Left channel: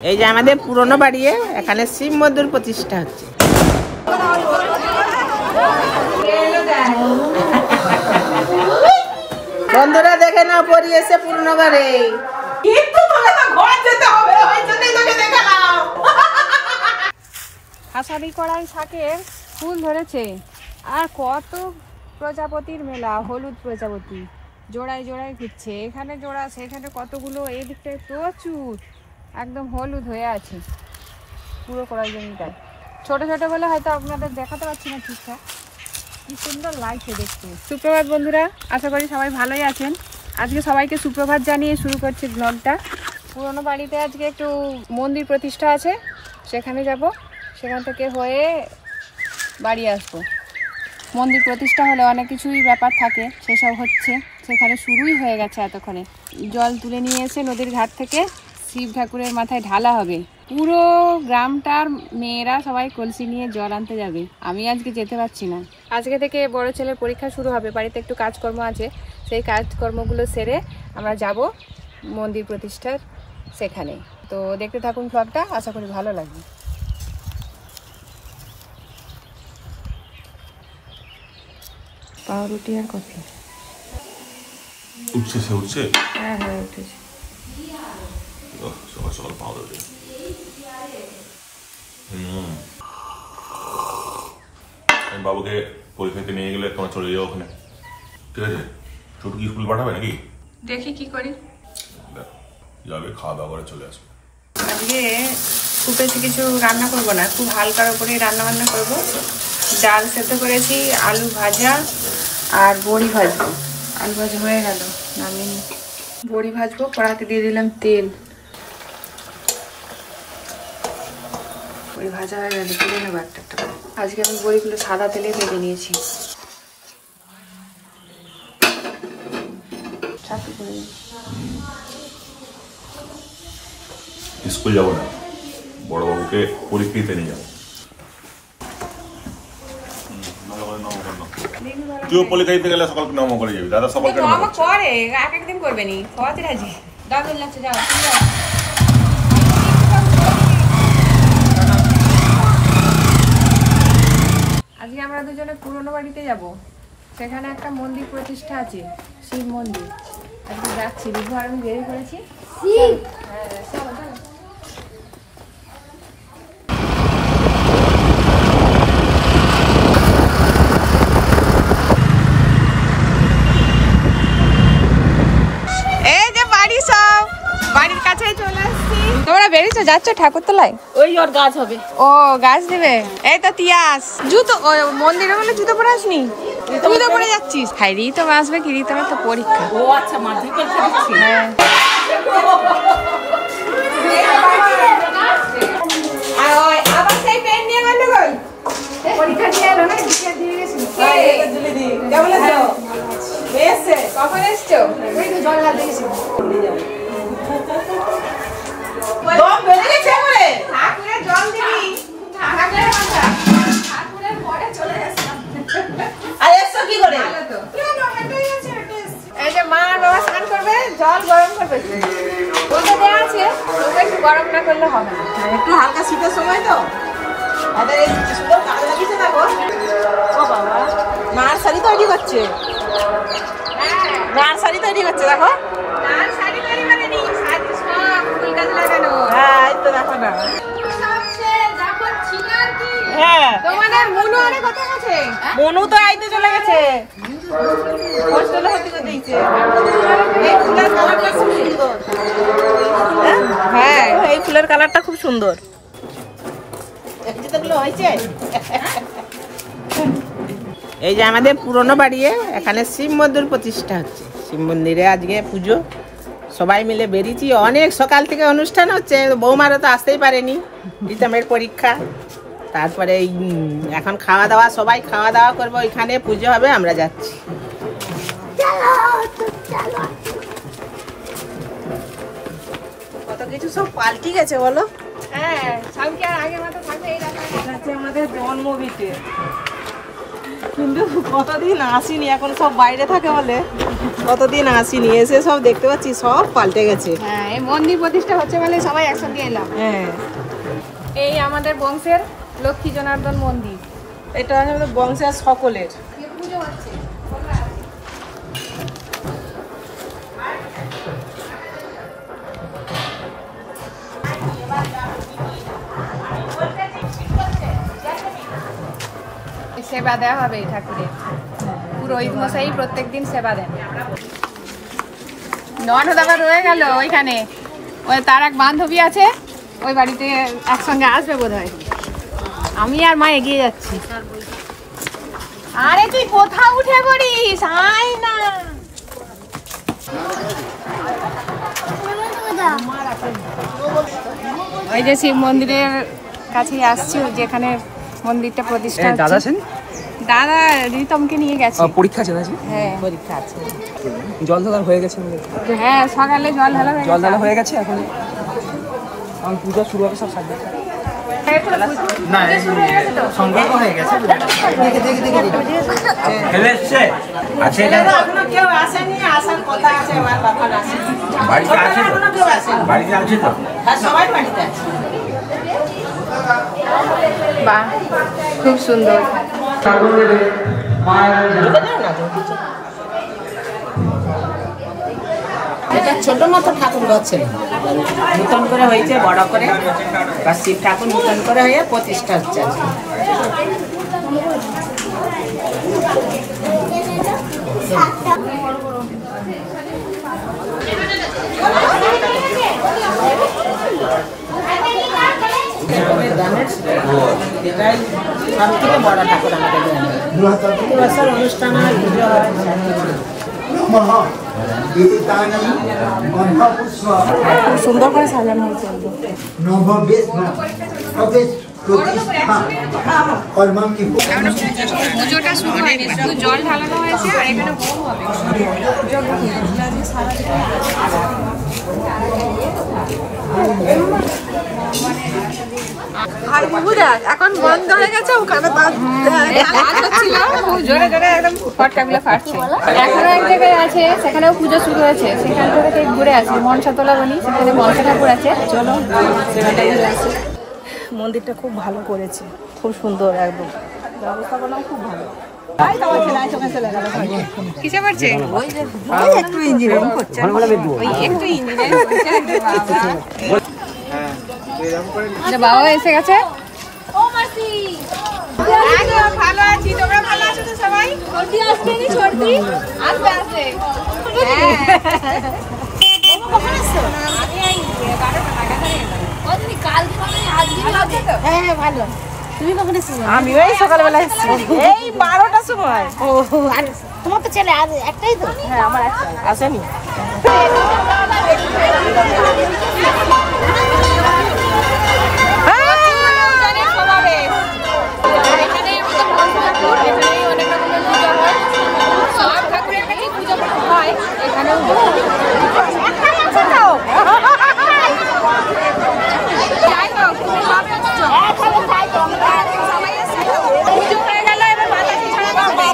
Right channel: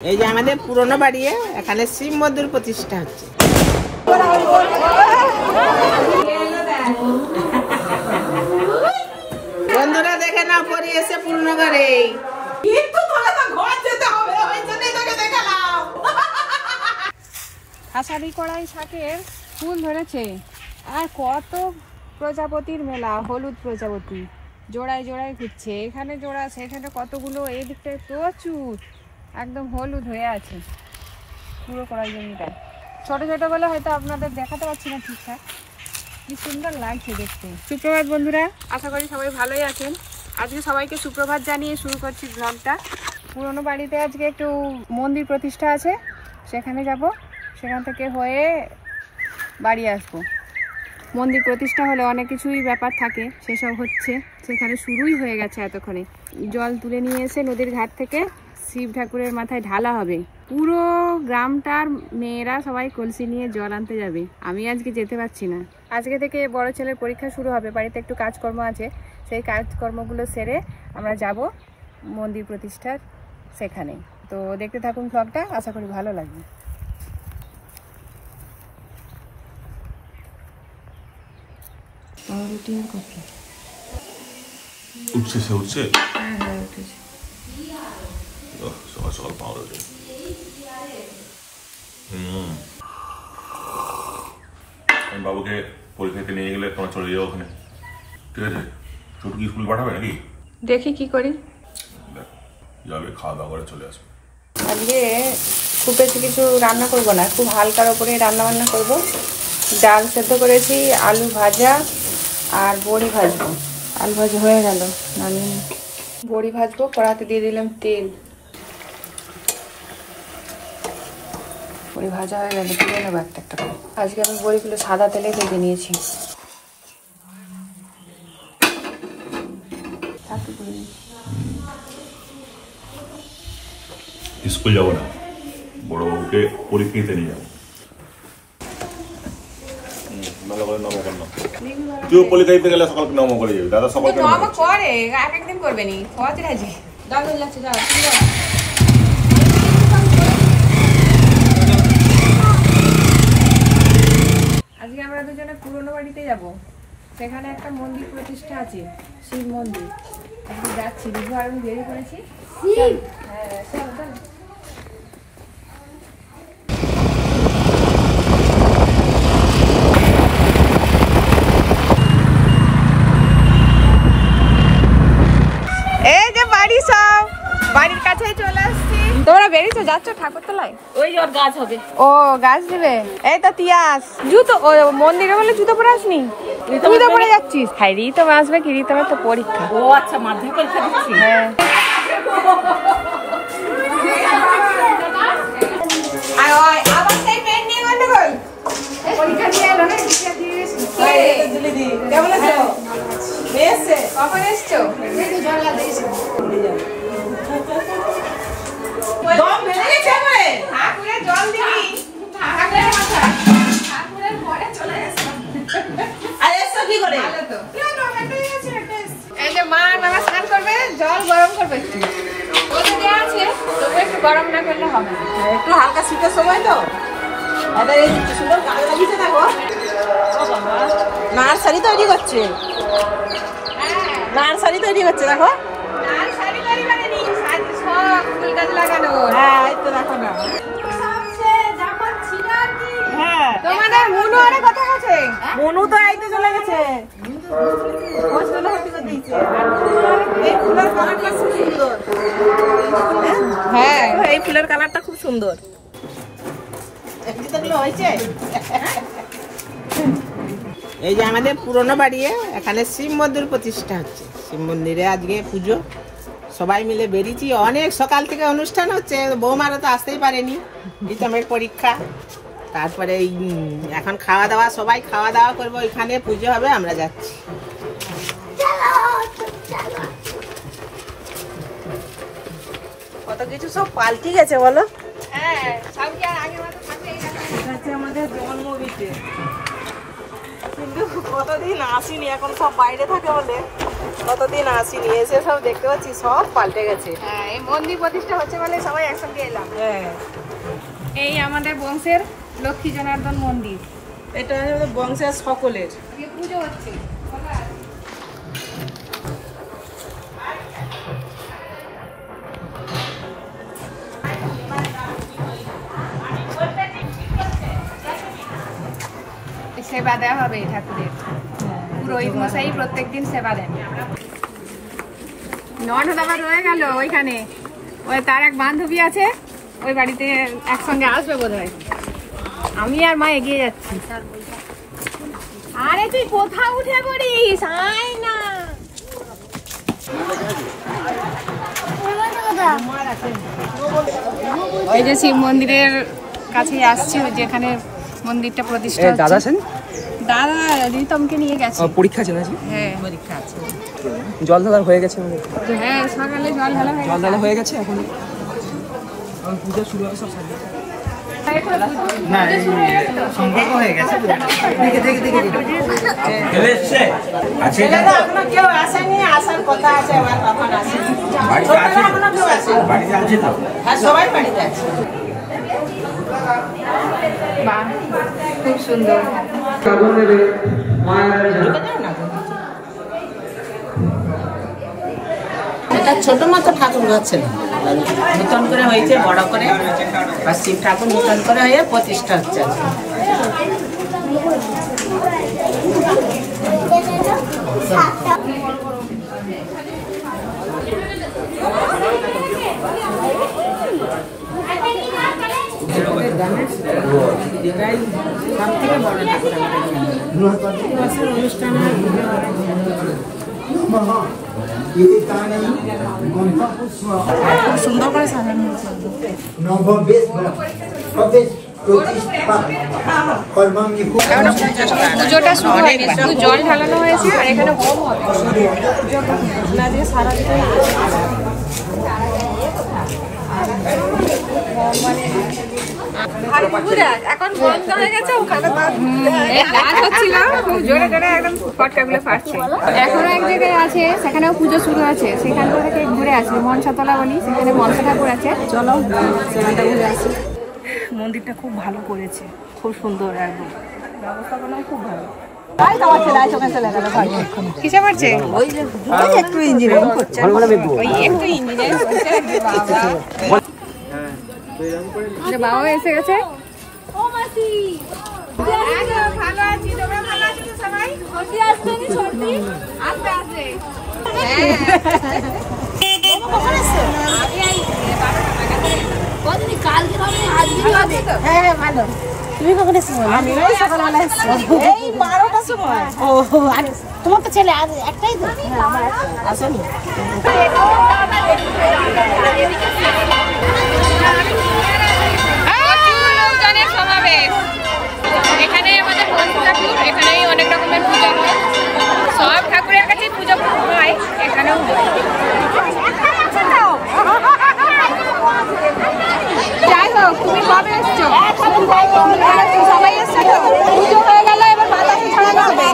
এই যে আমাদের পুরনো বাড়ি, এখানে শিব মন্দির প্রতিষ্ঠা হচ্ছে। বন্ধুরা দেখে নাও, পরি এসে পুরনো ঘরে। আষাঢ়ি কড়াই শাকের ফুল ধরেছে, আর কত প্রজাপতির মেলা, হলুদ প্রজাপতি জোড়ায় জোড়ায় ঘুরছে, এখানে জোড়া সেখানে কতগুলো, এই দিকটায় প্রচুর একদম হলুদ হয়ে আছে পুরো কড়াই জমিটায়। ছোট ছোট বলে হয়তো আপনাদের দেখাতে পারছি না ঠিকঠাক, কি সুন্দর লাগছে দেখতে। সুপ্রভাত বন্ধুরা, আশা করি সবাই ভালোই আছেন। আজকে সবাইকে সুপ্রভাত জানিয়ে শুরু করছি ব্লগটা। পুরনো বাড়িতে আজকে একটু মন্দির প্রতিষ্ঠা আছে, সেখানে যাব, সেখান থেকে হয়ে বাড়ি আসবো। মন্দির প্রতিষ্ঠা হলে অনেক কিছুই ব্যাপার থাকে, সেসব হচ্ছে, সেখানে শুরুই হয়ে গেছে এতক্ষণে। জল তুলে নিয়ে এসে নদীর ঘাট থেকে শিব ঠাকুরের মাথায় ঢালা হবে। পুরো গ্রামটার মেয়েরা সবাই কলসি নিয়ে জল আনতে যাবে। আমি আজকে যেতে পারছি না, আজকে থেকে বড় ছেলের পরীক্ষা শুরু হবে, বাড়িতে একটু কাজকর্ম আছে, সেই কাজকর্মগুলো সেরে আমরা যাব মন্দির প্রতিষ্ঠার সেখানে। তো দেখতে থাকুন ব্লগটা, আশা করি ভালো লাগবে। পাউরুটি আর কফি উঠছে, সে উঠছে। হ্যাঁ হ্যাঁ উঠেছে। সকাল সকাল পাউরুটি। আমি বাবুকে পরীক্ষাতে নিয়ে গেলে তোমার চলে যাও ওখানে, ঠিক আছে? ছোট কি স্কুল পাঠাবে নাকি? দেখি কি করি। যাবে, খাওয়া দাওয়া করে চলে আসবে। আজকে খুব বেশি কিছু রান্না করব না, খুব হালকার ওপরে রান্না বান্না করবো। ডাল সেদ্ধ করেছি, আলু ভাজা আর বড়ি ভাজবো। আলু ভাজা হয়ে গেল, নামিয়ে বড়ি ভাজবো। কড়াতে দিয়ে দিলাম তেল, বড়ি ভাজা হয়ে গেল, তুলে নেবো একটা একটা করে। আজকে আমি বড়িগুলো সাদা তেলে ভেজে নিয়েছি। স্কুল যাবো না, বড় বাবুকে পরীক্ষা দিতে নিয়ে যাবো। তুই পরীক্ষা দিতে গেলে সকাল নম করে যাবি, দাদা সকাল কেন আজকে আমরা দুজনে পুরনো বাড়িতে যাব, সেখানে একটা মন্দির প্রতিষ্ঠা আছে, শিব মন্দির। আজকে যাচ্ছি, বিভু আর আমি বেরিয়ে করেছি। হ্যাঁ চলো চলো। এই যে বাড়ি, সব বাড়ির কাছেই চলে আসছি। তোমরা বেরিয়েছো, যাচ্ছ ঠাকুরতলায়? ওই ওর গাছ হবে। ও গাছ দেবে। এই তো তিয়াস জুতো, ও মন্দিরে বলে জুতো পরে আসনি, তুই তো পরে যাচ্ছিস। হাই রিতম আসবে কি, রিতমের তো পরীক্ষা। ও আচ্ছা, মাধ্যমিক পরীক্ষা দিচ্ছি। হ্যাঁ এই যে মা আর বাবা স্নান করবে, জল গরম করবে, ওটা দেওয়া আছে, তবে একটু গরম না করলে হবে না। একটু হালকা শীতের সময় তো সুন্দর গায়ে লাগিয়েছে। দেখো ও বাবা, নার্সারি তৈরি করছে, নার্সারি তৈরি করছে। দেখো শাড়ি তৈরি করে নি, শাড়ি সব ফুল গাছ লাগানো। হ্যাঁ এই তো দেখো না। হ্যাঁ তোমাদের মুনু আরে কথা আছে, মনু তো আইতে চলে গেছে, হোস্টেল হতে দিয়েছে। এই ফুলের কালারটা খুব সুন্দর। হ্যাঁ এই ফুলের কালারটা খুব সুন্দর। যেগুলো হয়েছে, এই যে আমাদের পুরনো বাড়ি, এখানে শিব মন্দির প্রতিষ্ঠা হচ্ছে। শিব মন্দিরে আজকে পুজো, সবাই মিলে বেরিয়েছি। অনেক সকাল থেকে অনুষ্ঠান হচ্ছে, বৌমারা তো আসতেই পারেনি, রিতমের পরীক্ষা। তারপরে এখন খাওয়া দাওয়া, সবাই খাওয়া দাওয়া করবো, এখানে পুজো হবে, আমরা যাচ্ছি। কত কিছু সব পাল্টি গেছে বলো। হ্যাঁ সব কি আর আগের মতো থাকবে? এই আমাদের জন্মভিটে কিন্তু কতদিন আসিনি, এখন সব বাইরে থাকে বলে কতদিন আসিনি, এসে সব দেখতে পাচ্ছি সব পাল্টে গেছে। হ্যাঁ, এই মন্দির প্রতিষ্ঠা হচ্ছে বলে সবাই একসঙ্গে এলাম। হ্যাঁ, এই আমাদের বংশের লক্ষ্মী জনার্দন মন্দির, এটা আমাদের বংশের সকলের। পুজো হচ্ছে। সেবা দেওয়া হবে ঠাকুরের, পুরোহিত মশাই প্রত্যেকদিন সেবা দেন। ননদ আবার রয়ে গেল ওইখানে, ওই তার এক বান্ধবী আছে, ওই বাড়িতে একসঙ্গে আসবে বোধহয়। আমি আর মা এগিয়ে যাচ্ছি। আরে তুই কোথাও উঠে পড়িস, আয় না। ওই যে শিব মন্দিরের কাছে আসছি, ওই যেখানে মন্দিরটা প্রতিষ্ঠা হচ্ছে। দাদা রিতমকে নিয়ে গেছে, পরীক্ষা আছে না? হ্যাঁ পরীক্ষা আছে। জল ঢালা হয়ে গেছে? হ্যাঁ, সকালে জল ঢালা হয়ে গেছে। এখন পূজা শুরু হবে, সব সাজিয়ে না সংকল্প হয়ে গেছে। এখনো কেউ আসেনি, আসার কথা আছে, আমার বাবা আসে। এখনো কেউ আসেনি। বাড়িতে আছে তো? হ্যাঁ, সবাই বাড়িতে আছে। বাহ, খুব সুন্দর। এটা ছোট মতো ঠাকুর ঘর ছিল, নতুন করে হয়েছে বড় করে, বা শিব ঠাকুর নতুন করে হয়ে প্রতিষ্ঠা হচ্ছে আজকে। এটাই সব থেকে বড় ঠাকুর আমাদের গ্রামে। প্রতি বছর অনুষ্ঠান হয়, পুজো হয়। খুব সুন্দর করে সাজানো হয়েছে একদম। পুজোটা শুরু হয়ে গেছে, জল ঢালানো হয়েছে আর এখানে হোম হবে। এখন বন্ধ হয়ে গেছে, খুব জোরে জোরে একদম ফটকাগুলো ফাটছে। এখনো এক জায়গায় আছে, সেখানেও পুজো শুরু হয়েছে, সেখান থেকে ঘুরে আসি। মনসাতলা বনি, সেখানে মনসা ঠাকুর আছে, চলো সেখানটা ঘুরে আসি। মন্দিরটা খুব ভালো করেছে, খুব সুন্দর, একদম ব্যবস্থাপনাও খুব ভালো। কিসে করছে? ওই একটু ইঞ্জিনিয়ারিং করছে, ওই একটু ইঞ্জিনিয়ারিং করছে। বাবা এসে গেছে। ও মাসি, ভালো আছি, তোমরা ভালো আছো তো সবাই? ছোটি আসছে নি? ছোটি আসবে আসবে। কখন আসছো? আমি এই 12টা নাগাদ এলাম। কতদিন কালকে হবে আজকে হবে? হ্যাঁ হ্যাঁ ভালো। তুমি কখন এসেছো? আমি ওই সকালবেলা এসেছি, এই 12টার সময়। ও, আর তোমার তো ছেলে আজ একটাই তো? হ্যাঁ, আমার একটাই। আসেনি। প্রচুর লোকজনের সমাবেশ। এখানে আমাদের মনসা ঠাকুর, এখানেই অনেক রকমের পুজো হয়, সব ঠাকুরের কাছে পুজো হয়, এখানেও হয়। যাই হোক, তুমি কবে এসছো? সবাই এসছে তো? পুজো হয়ে গেল, এবার বাতাসি ছাড়া করবে।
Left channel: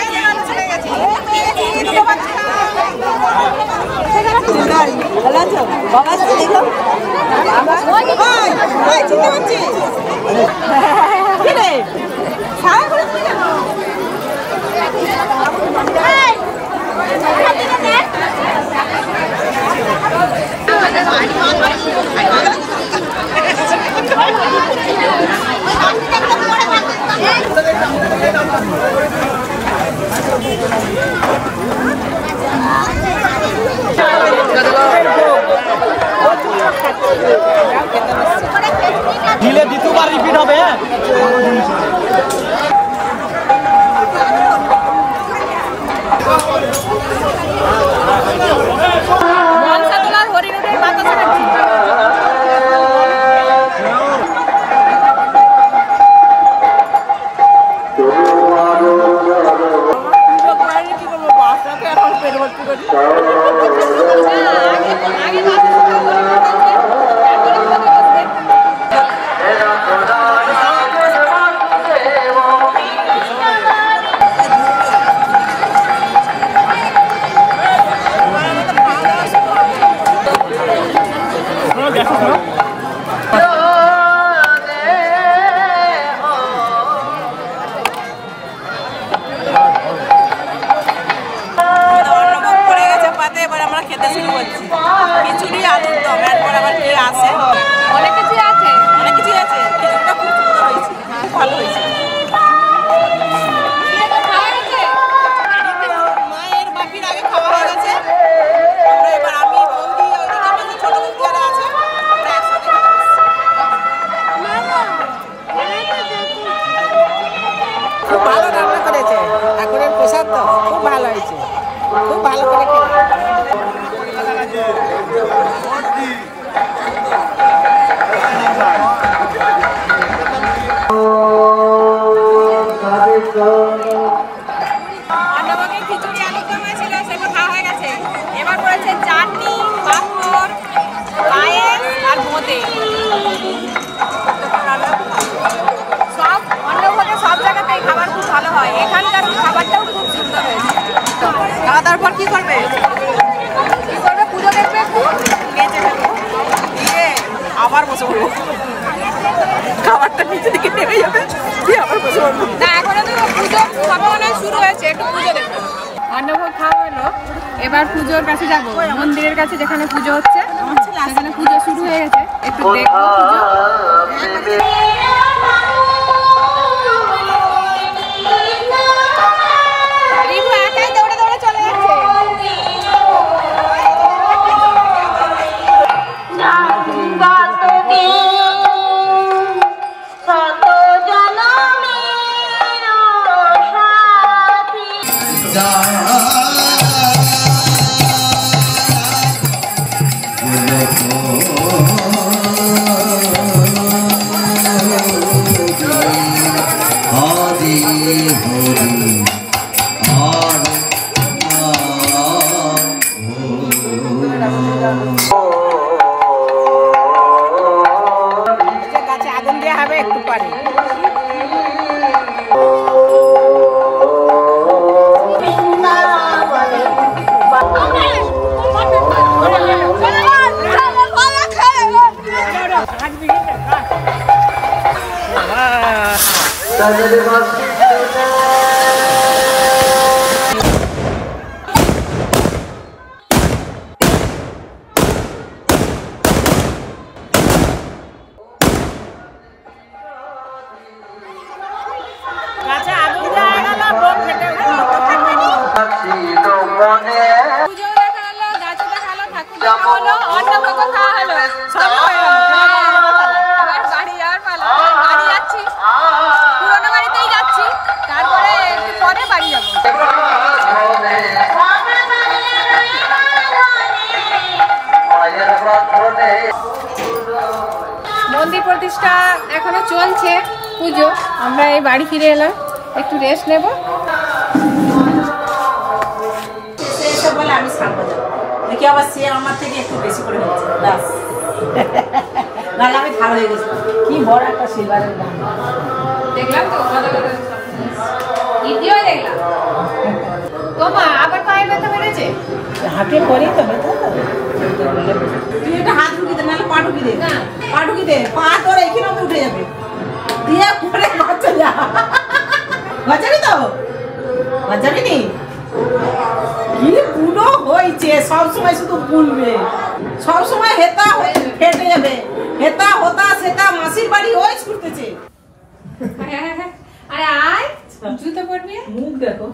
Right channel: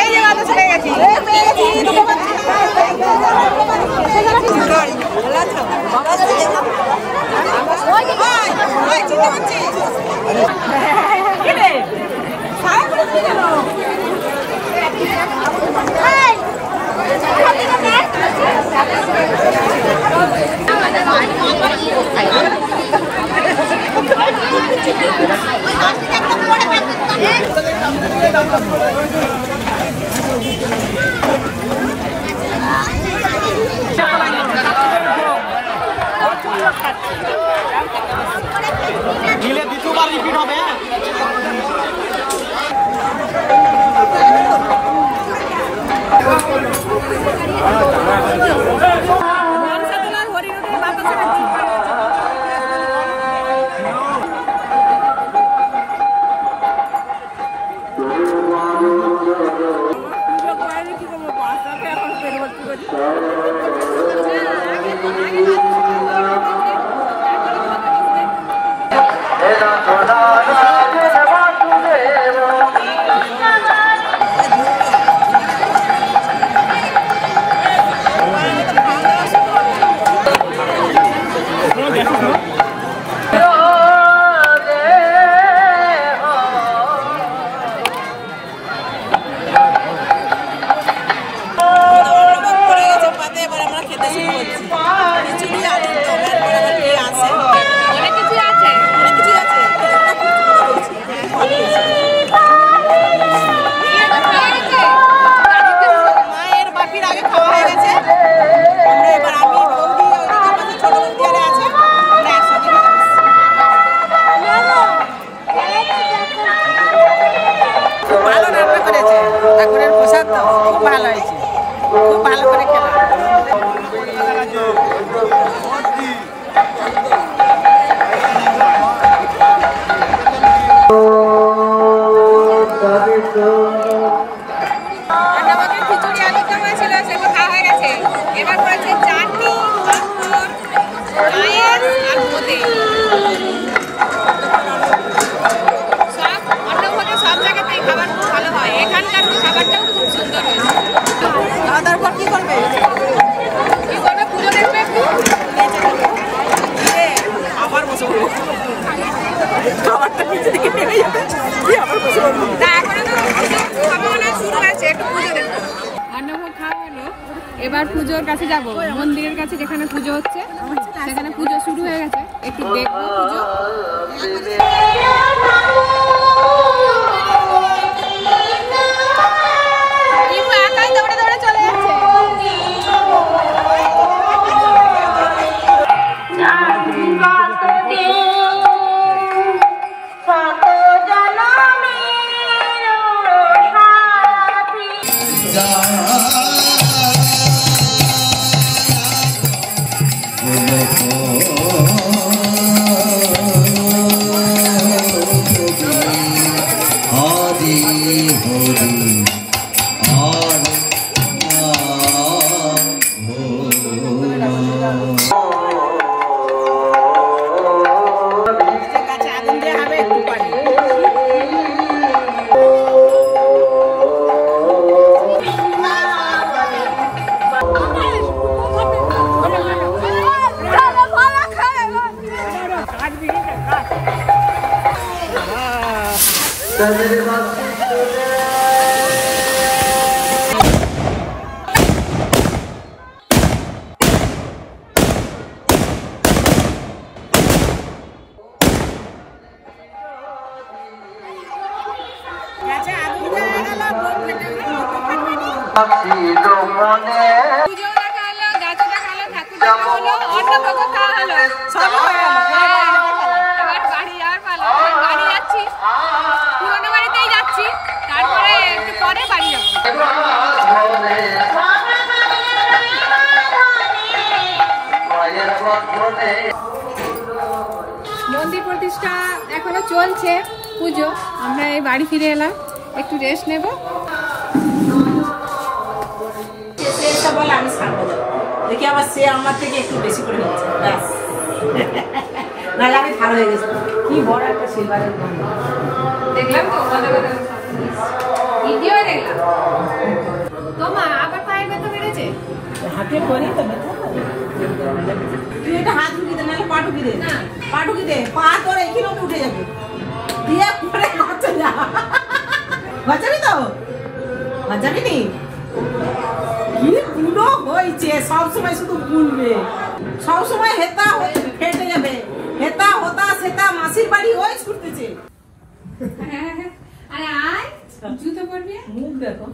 এই যে বাতাস হয়ে গেছি, পেয়ে গেছি দুটো বাতাস। ভালো আছো? বাবার সাথে দেখলাম। বাবা চিনতে পারছি। কি রে? সারা করে তুমি জানো? দিলে দ্বিতীয়বার রিপিট হবে। আগে বলতে শুরু করছি। খিচুড়ি আলুর দম, এরপর আবার কি আছে, অনেক কিছু আছে। অনেক কিছুই আছে। খিচুড়িটা খুব সুন্দর হয়েছে, খুব ভালো হয়েছে। মায়ের বাপির আগে খাওয়া হয়ে গেছে। আমরা এবার আমি বৌদি ওইদিকে আমাদের ছোট বৌদি আরে আছে, আমরা একসঙ্গে খেতে বসছি। খুব ভালো রান্না করেছে, ঠাকুরের প্রসাদ তো খুব ভালো হয়েছে, খুব ভালো করে খেলা। অন্নভোগে খিচুড়ি আলুর দম হয়েছিল, সেগুলো খাওয়া হয়ে গেছে। এবার পড়েছে চাটনি, পাঁপড়, পায়েস আর বোঁদে। সব অন্নভোগে সব জায়গাতেই খাবার খুব ভালো হয়, এখানকার খাবারটাও খুব সুন্দর হয়েছে। খাওয়া দাওয়ার পর কি করবে? কি করবে? পুজো দেখবে একটু, আবার বসে পড়বো। খাবারটা নিচে দিকে নেমে যাবে। তারপরে তো পুজোর সবে অনেক শুরু হয়েছে, একটু পুজো দেখবো। অন্নভোগ খাওয়া হলো, এবার পুজোর কাছে যাব। মন্দিরের কাছে যেখানে পুজো হচ্ছে সেখানে পুজো শুরু হয়ে গেছে, একটু দেখবো পুজো। রিভু একাই দৌড়ে দৌড়ে চলে যাচ্ছে। গাছে আগুন দেওয়া হবে একটু পানি। গাছে আগুন দেওয়া গেল, বোম ফেটে উঠলো। পুজো দেখা হলো, গাছে দেখা হলো, ঠাকুর দেখা হলো, অন্নভোগও খাওয়া হলো। সবই হয়ে গেল। এবার বাড়ি যাওয়ার পালা। বাড়ি যাচ্ছি, পুরোনো বাড়িতেই যাচ্ছি, তারপরে একটু পরে বাড়ি যাবো। মন্দির প্রতিষ্ঠা এখনো চলছে, পুজো। আমরা এই বাড়ি ফিরে এলাম, একটু রেস্ট নেব। সে বলে আমি সামনে যাবো, দেখি আবার সে আমার থেকে একটু বেশি করে হচ্ছে, ব্যাস। নাহলে আমি ভালো হয়ে গেছি। কি বড় একটা শিলবাড়ির মন্দির দেখলাম তো, ইতিও দেখলাম। তোমা আবার পায়ে ব্যথা বেড়েছে? হাঁটে করে তো ব্যথা তো। তুই এটা হাত ঢুকি দে, নাহলে পা ঢুকি দে। না। পা ঢুকি দে, পা তোর এইখানে অব্দি উঠে যাবে। দিয়ে পরে বাচ্চা যা। বাচ্চাবি তো? বাচ্চাবি নি? কি বুড়ো হয়েছে, সবসময় শুধু বলবে, সবসময় হেতা ফেটে যাবে। হেতা হোতা সেটা মাসির বাড়ি ওই ছুটতেছে। আরে আয়, জুতো পরবি? মুখ দেখো,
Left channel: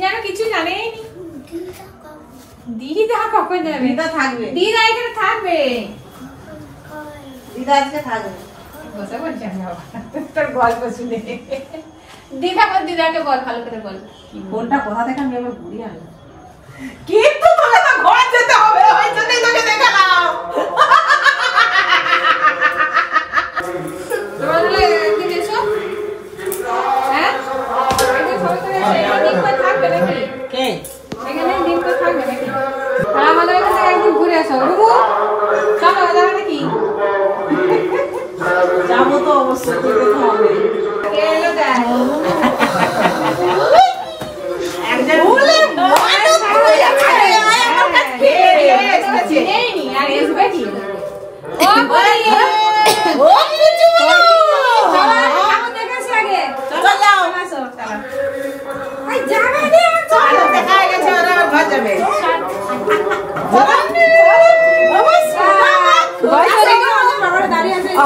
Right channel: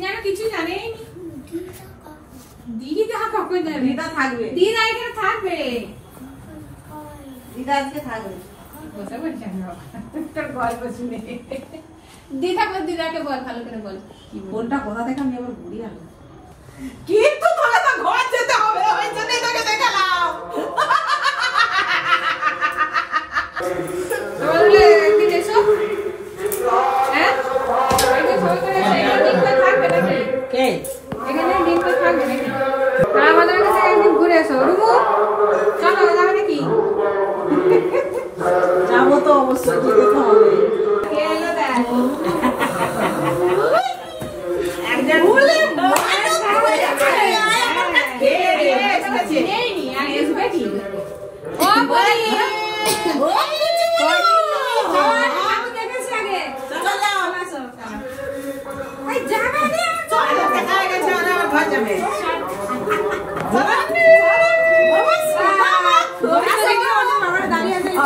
যেন কিছু জানেই নি। দিদা কখন যাবে? দিদা থাকবে, দিদা এখানে থাকবে। দিদা আজকে থাকবে। বসে বলছি আমি বাবা, তোর গল্প শুনে। দিদা বল, দিদাকে বল, ভালো করে বল। কোনটা কোথা থেকে আমি এবার ঘুরিয়ে আনলাম, কিন্তু তোকে তো ঘর যেতে হবে, ওই জন্যই তোকে দেখালাম। তোমরা বলে একদিন এসো, হ্যাঁ? একদিন সবাই করে এসো, এখানে দিন করে থাকবে নাকি? কে? এখানে দিন করে থাকবে নাকি? আমাদের কাছে একদিন ঘুরে আসো। রুবু, চলো, যাবে নাকি? যাবো তো অবশ্যই, যেতে তো হবে। কে এলো দেখ। একজন বলে মায়ের সাথে চিনেই নি, আর আসবে কি? ও বলি, ও কিছু ঠাকুর দেখেছি আগে। চলো যাও, আসো, এই জায়গা নেই। চলো দেখা গেছে, ওরা আবার ঘর যাবে।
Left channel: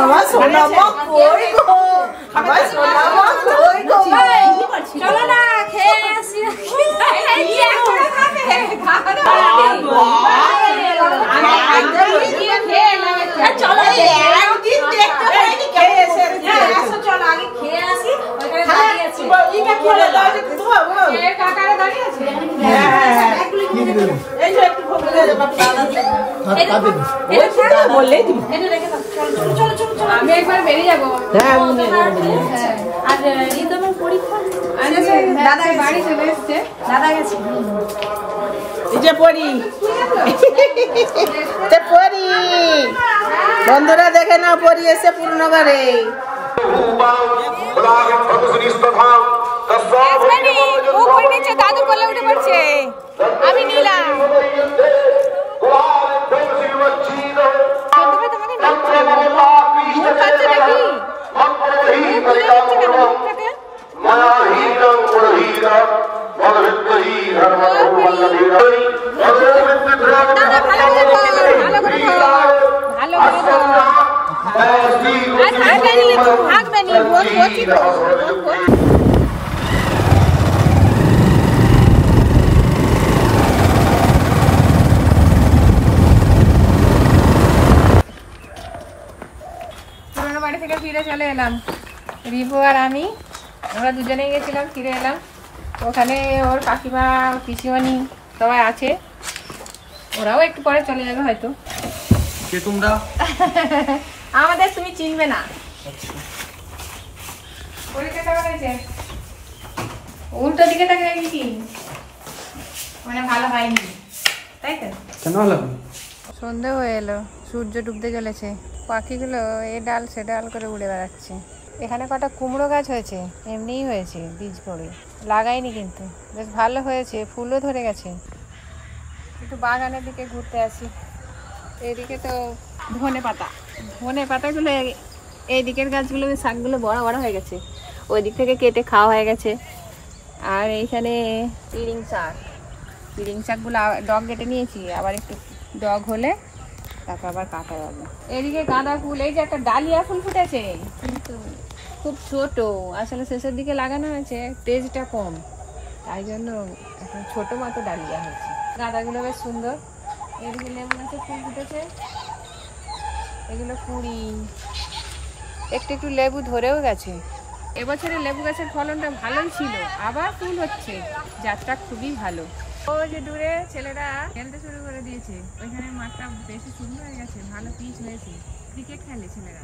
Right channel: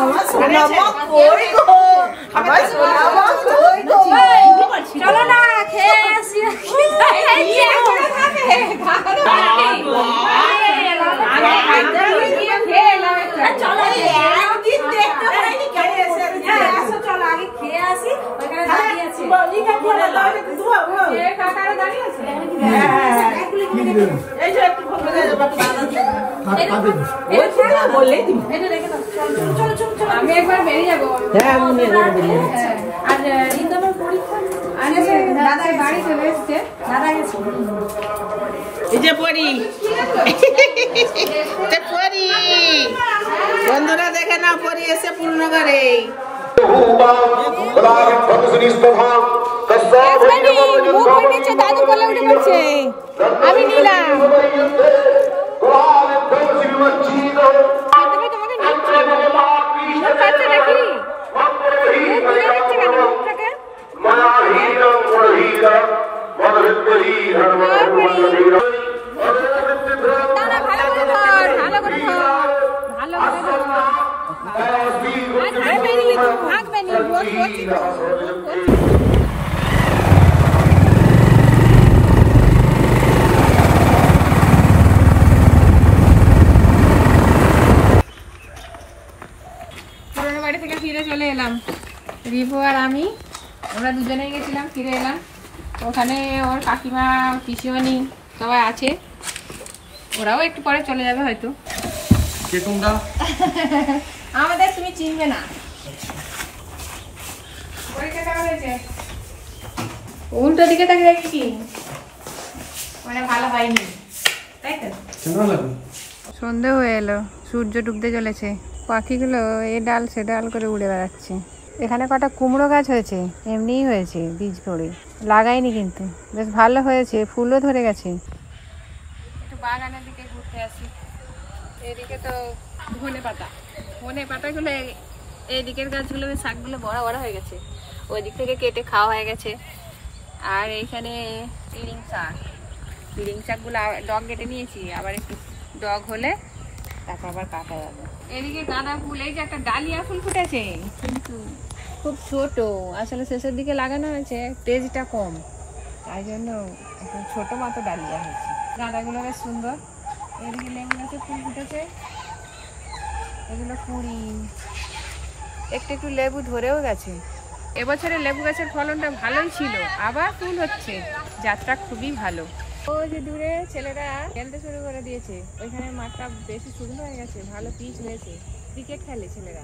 আমার সোনা মা কই গো, আমার সোনা মা কই গো। চলো না খেয়ে আসি। আমি একবার বেরিয়ে যাবো। আর রিতমের পরীক্ষা দাদা বাড়ি চলে এসছে, দাদা গেছে। এই যে পরি, পরি বন্ধুরা দেখে নাও, পরি এসে পূর্ণগড়ে। মুখ করে নিচ্ছে, দাদু বলে উঠে পড়ছে, আমি নিলাম। তোমাকে মুখ খাচ্ছে নাকি? মুখ খুলে দিচ্ছে কেন মুখ থেকে? ভালো করে ভাগবে নি, বোন করছি তো। পুরোনো বাড়ি থেকে ফিরে চলে এলাম, রিপু আর আমি, আমরা দুজনেই গেছিলাম, ফিরে এলাম। ওখানে ওর কাকিমা পিসিমণি সবাই আছে, ওরাও একটু পরে চলে যাবে হয়তো। কে তোমরা? আমাদের তুমি চিনবে না। উল্টো দিকে তাকে দেখি কি মানে ভালো হয়নি, তাই তো? কেন লাগবে? সন্ধে হয়ে এলো, সূর্য ডুবতে চলেছে, পাখিগুলো এ ডাল সে ডাল করে উড়ে বেড়াচ্ছে। এখানে কটা কুমড়ো গাছ হয়েছে, এমনিই হয়েছে, বীজ পড়ে, লাগাইনি কিন্তু, বেশ ভালো হয়েছে, ফুলও ধরে গেছে। একটু বাগানের দিকে ঘুরতে আসি। এইদিকে তো ধনে পাতাগুলো, এই দিকের গাছগুলো শাকগুলো বড় বড় হয়ে গেছে, ওই দিক থেকে কেটে খাওয়া হয়ে গেছে। আর এইখানে পিড়িং শাকগুলো ডগ কেটে নিয়েছি, আবার একটু ডগ হলে তারপর আবার কাটা যাবে। এদিকে গাঁদা ফুল, এই যে একটা ডালিয়া ফুল ফুটেছে, কিন্তু খুব ছোট, আসলে শেষের দিকে লাগানো হয়েছে, তেজটা কম, তাই জন্য এখন ছোট মতো ডালিয়া হয়েছে। গাঁদাগুলো বেশ সুন্দর। এদিকে লেবু গাছে ফুল ফুটেছে, এগুলো কুড়ি, একটু একটু লেবু ধরেও গেছে। এবছরে লেবু গাছের ফলনটা ভালোই ছিল, আবার ফুল হচ্ছে, যাত্রা খুবই ভালো। ওই যে দূরে ছেলেরা খেলতে শুরু করে দিয়েছে, ওইখানে মাঠটা বেশি সুন্দর হয়ে গেছে, ভালো পিচ হয়েছে, ক্রিকেট খেলে ছেলেরা।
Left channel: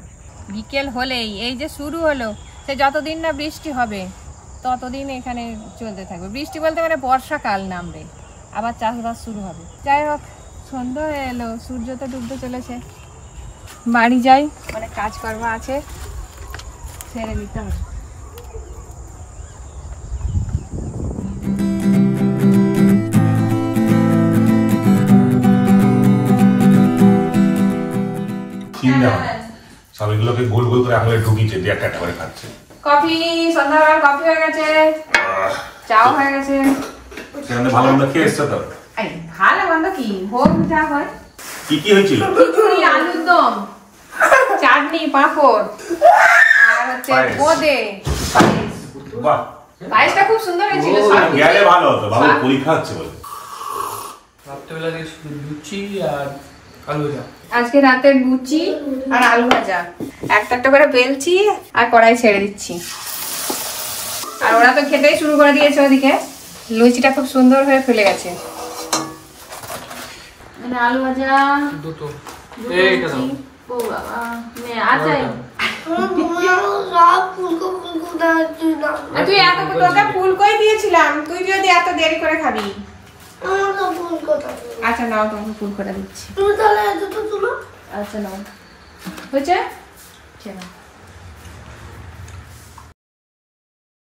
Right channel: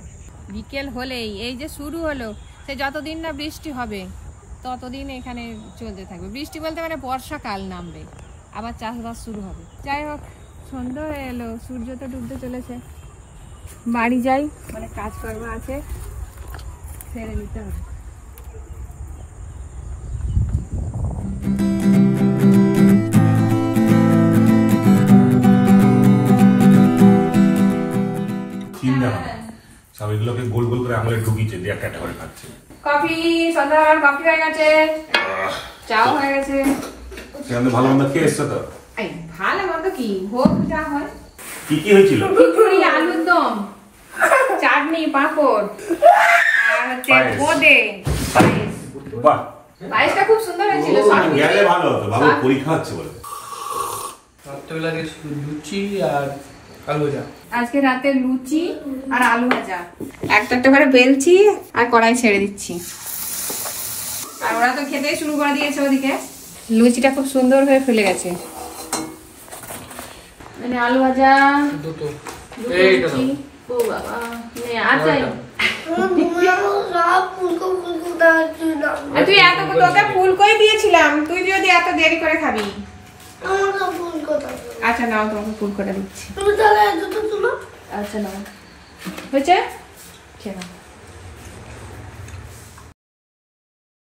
বিকেল হলেই এই যে শুরু হলো, সে যতদিন না বৃষ্টি হবে ততদিন এখানে চলতে থাকবে। বৃষ্টি বলতে মানে বর্ষাকাল নামবে, আবার চাষবাস শুরু হবে। যাই হোক, সন্ধ্যা হয়ে এলো, সূর্য তো ডুবতে চলেছে, বাড়ি যাই, অনেক কাজকর্ম আছে, ছেড়ে নিতে হবে। সবগুলোকে গোল গোল করে আঙুলে ঢুকিয়েছে, দিয়ে একটা করে খাচ্ছে। কফি, সন্ধ্যাবেলার কফি হয়ে গেছে, চাও হয়ে গেছে। সেখানে ভালো মন্দ খেয়ে এসছো তো? ভালো মন্দ কি ভোগ যা হয়। কি কি হয়েছিল? খিচুড়ি, আলুর দম, চাটনি, পাঁপড়, আর হচ্ছে বোঁদে, বাহ, পায়েসটা খুব সুন্দর হয়েছিল। গেলে ভালো হতো, বাবুর পরীক্ষা হচ্ছে বলে। রাত্রেবেলা লুচি আর আলু ভাজা। আজকে রাতে লুচি আর আলু ভাজা, একটা করে বেলছি আর কড়াই ছেড়ে দিচ্ছি। আর ওরা তো খেতেই শুরু করে দিয়েছে। ওদিকে লুচিটা খুব সুন্দর হয়ে ফুলে গেছে। মানে আলু ভাজা দুটো, এইটা দাও। ও বাবা, নে আচ্ছা তুই এত তোকে ফুল কই দিয়েছিলাম, তুই যদি এত দেরি করে খাবি। আচ্ছা নাও, তোমাকে ফুল করে দিচ্ছি। আচ্ছা নাও, হয়েছে?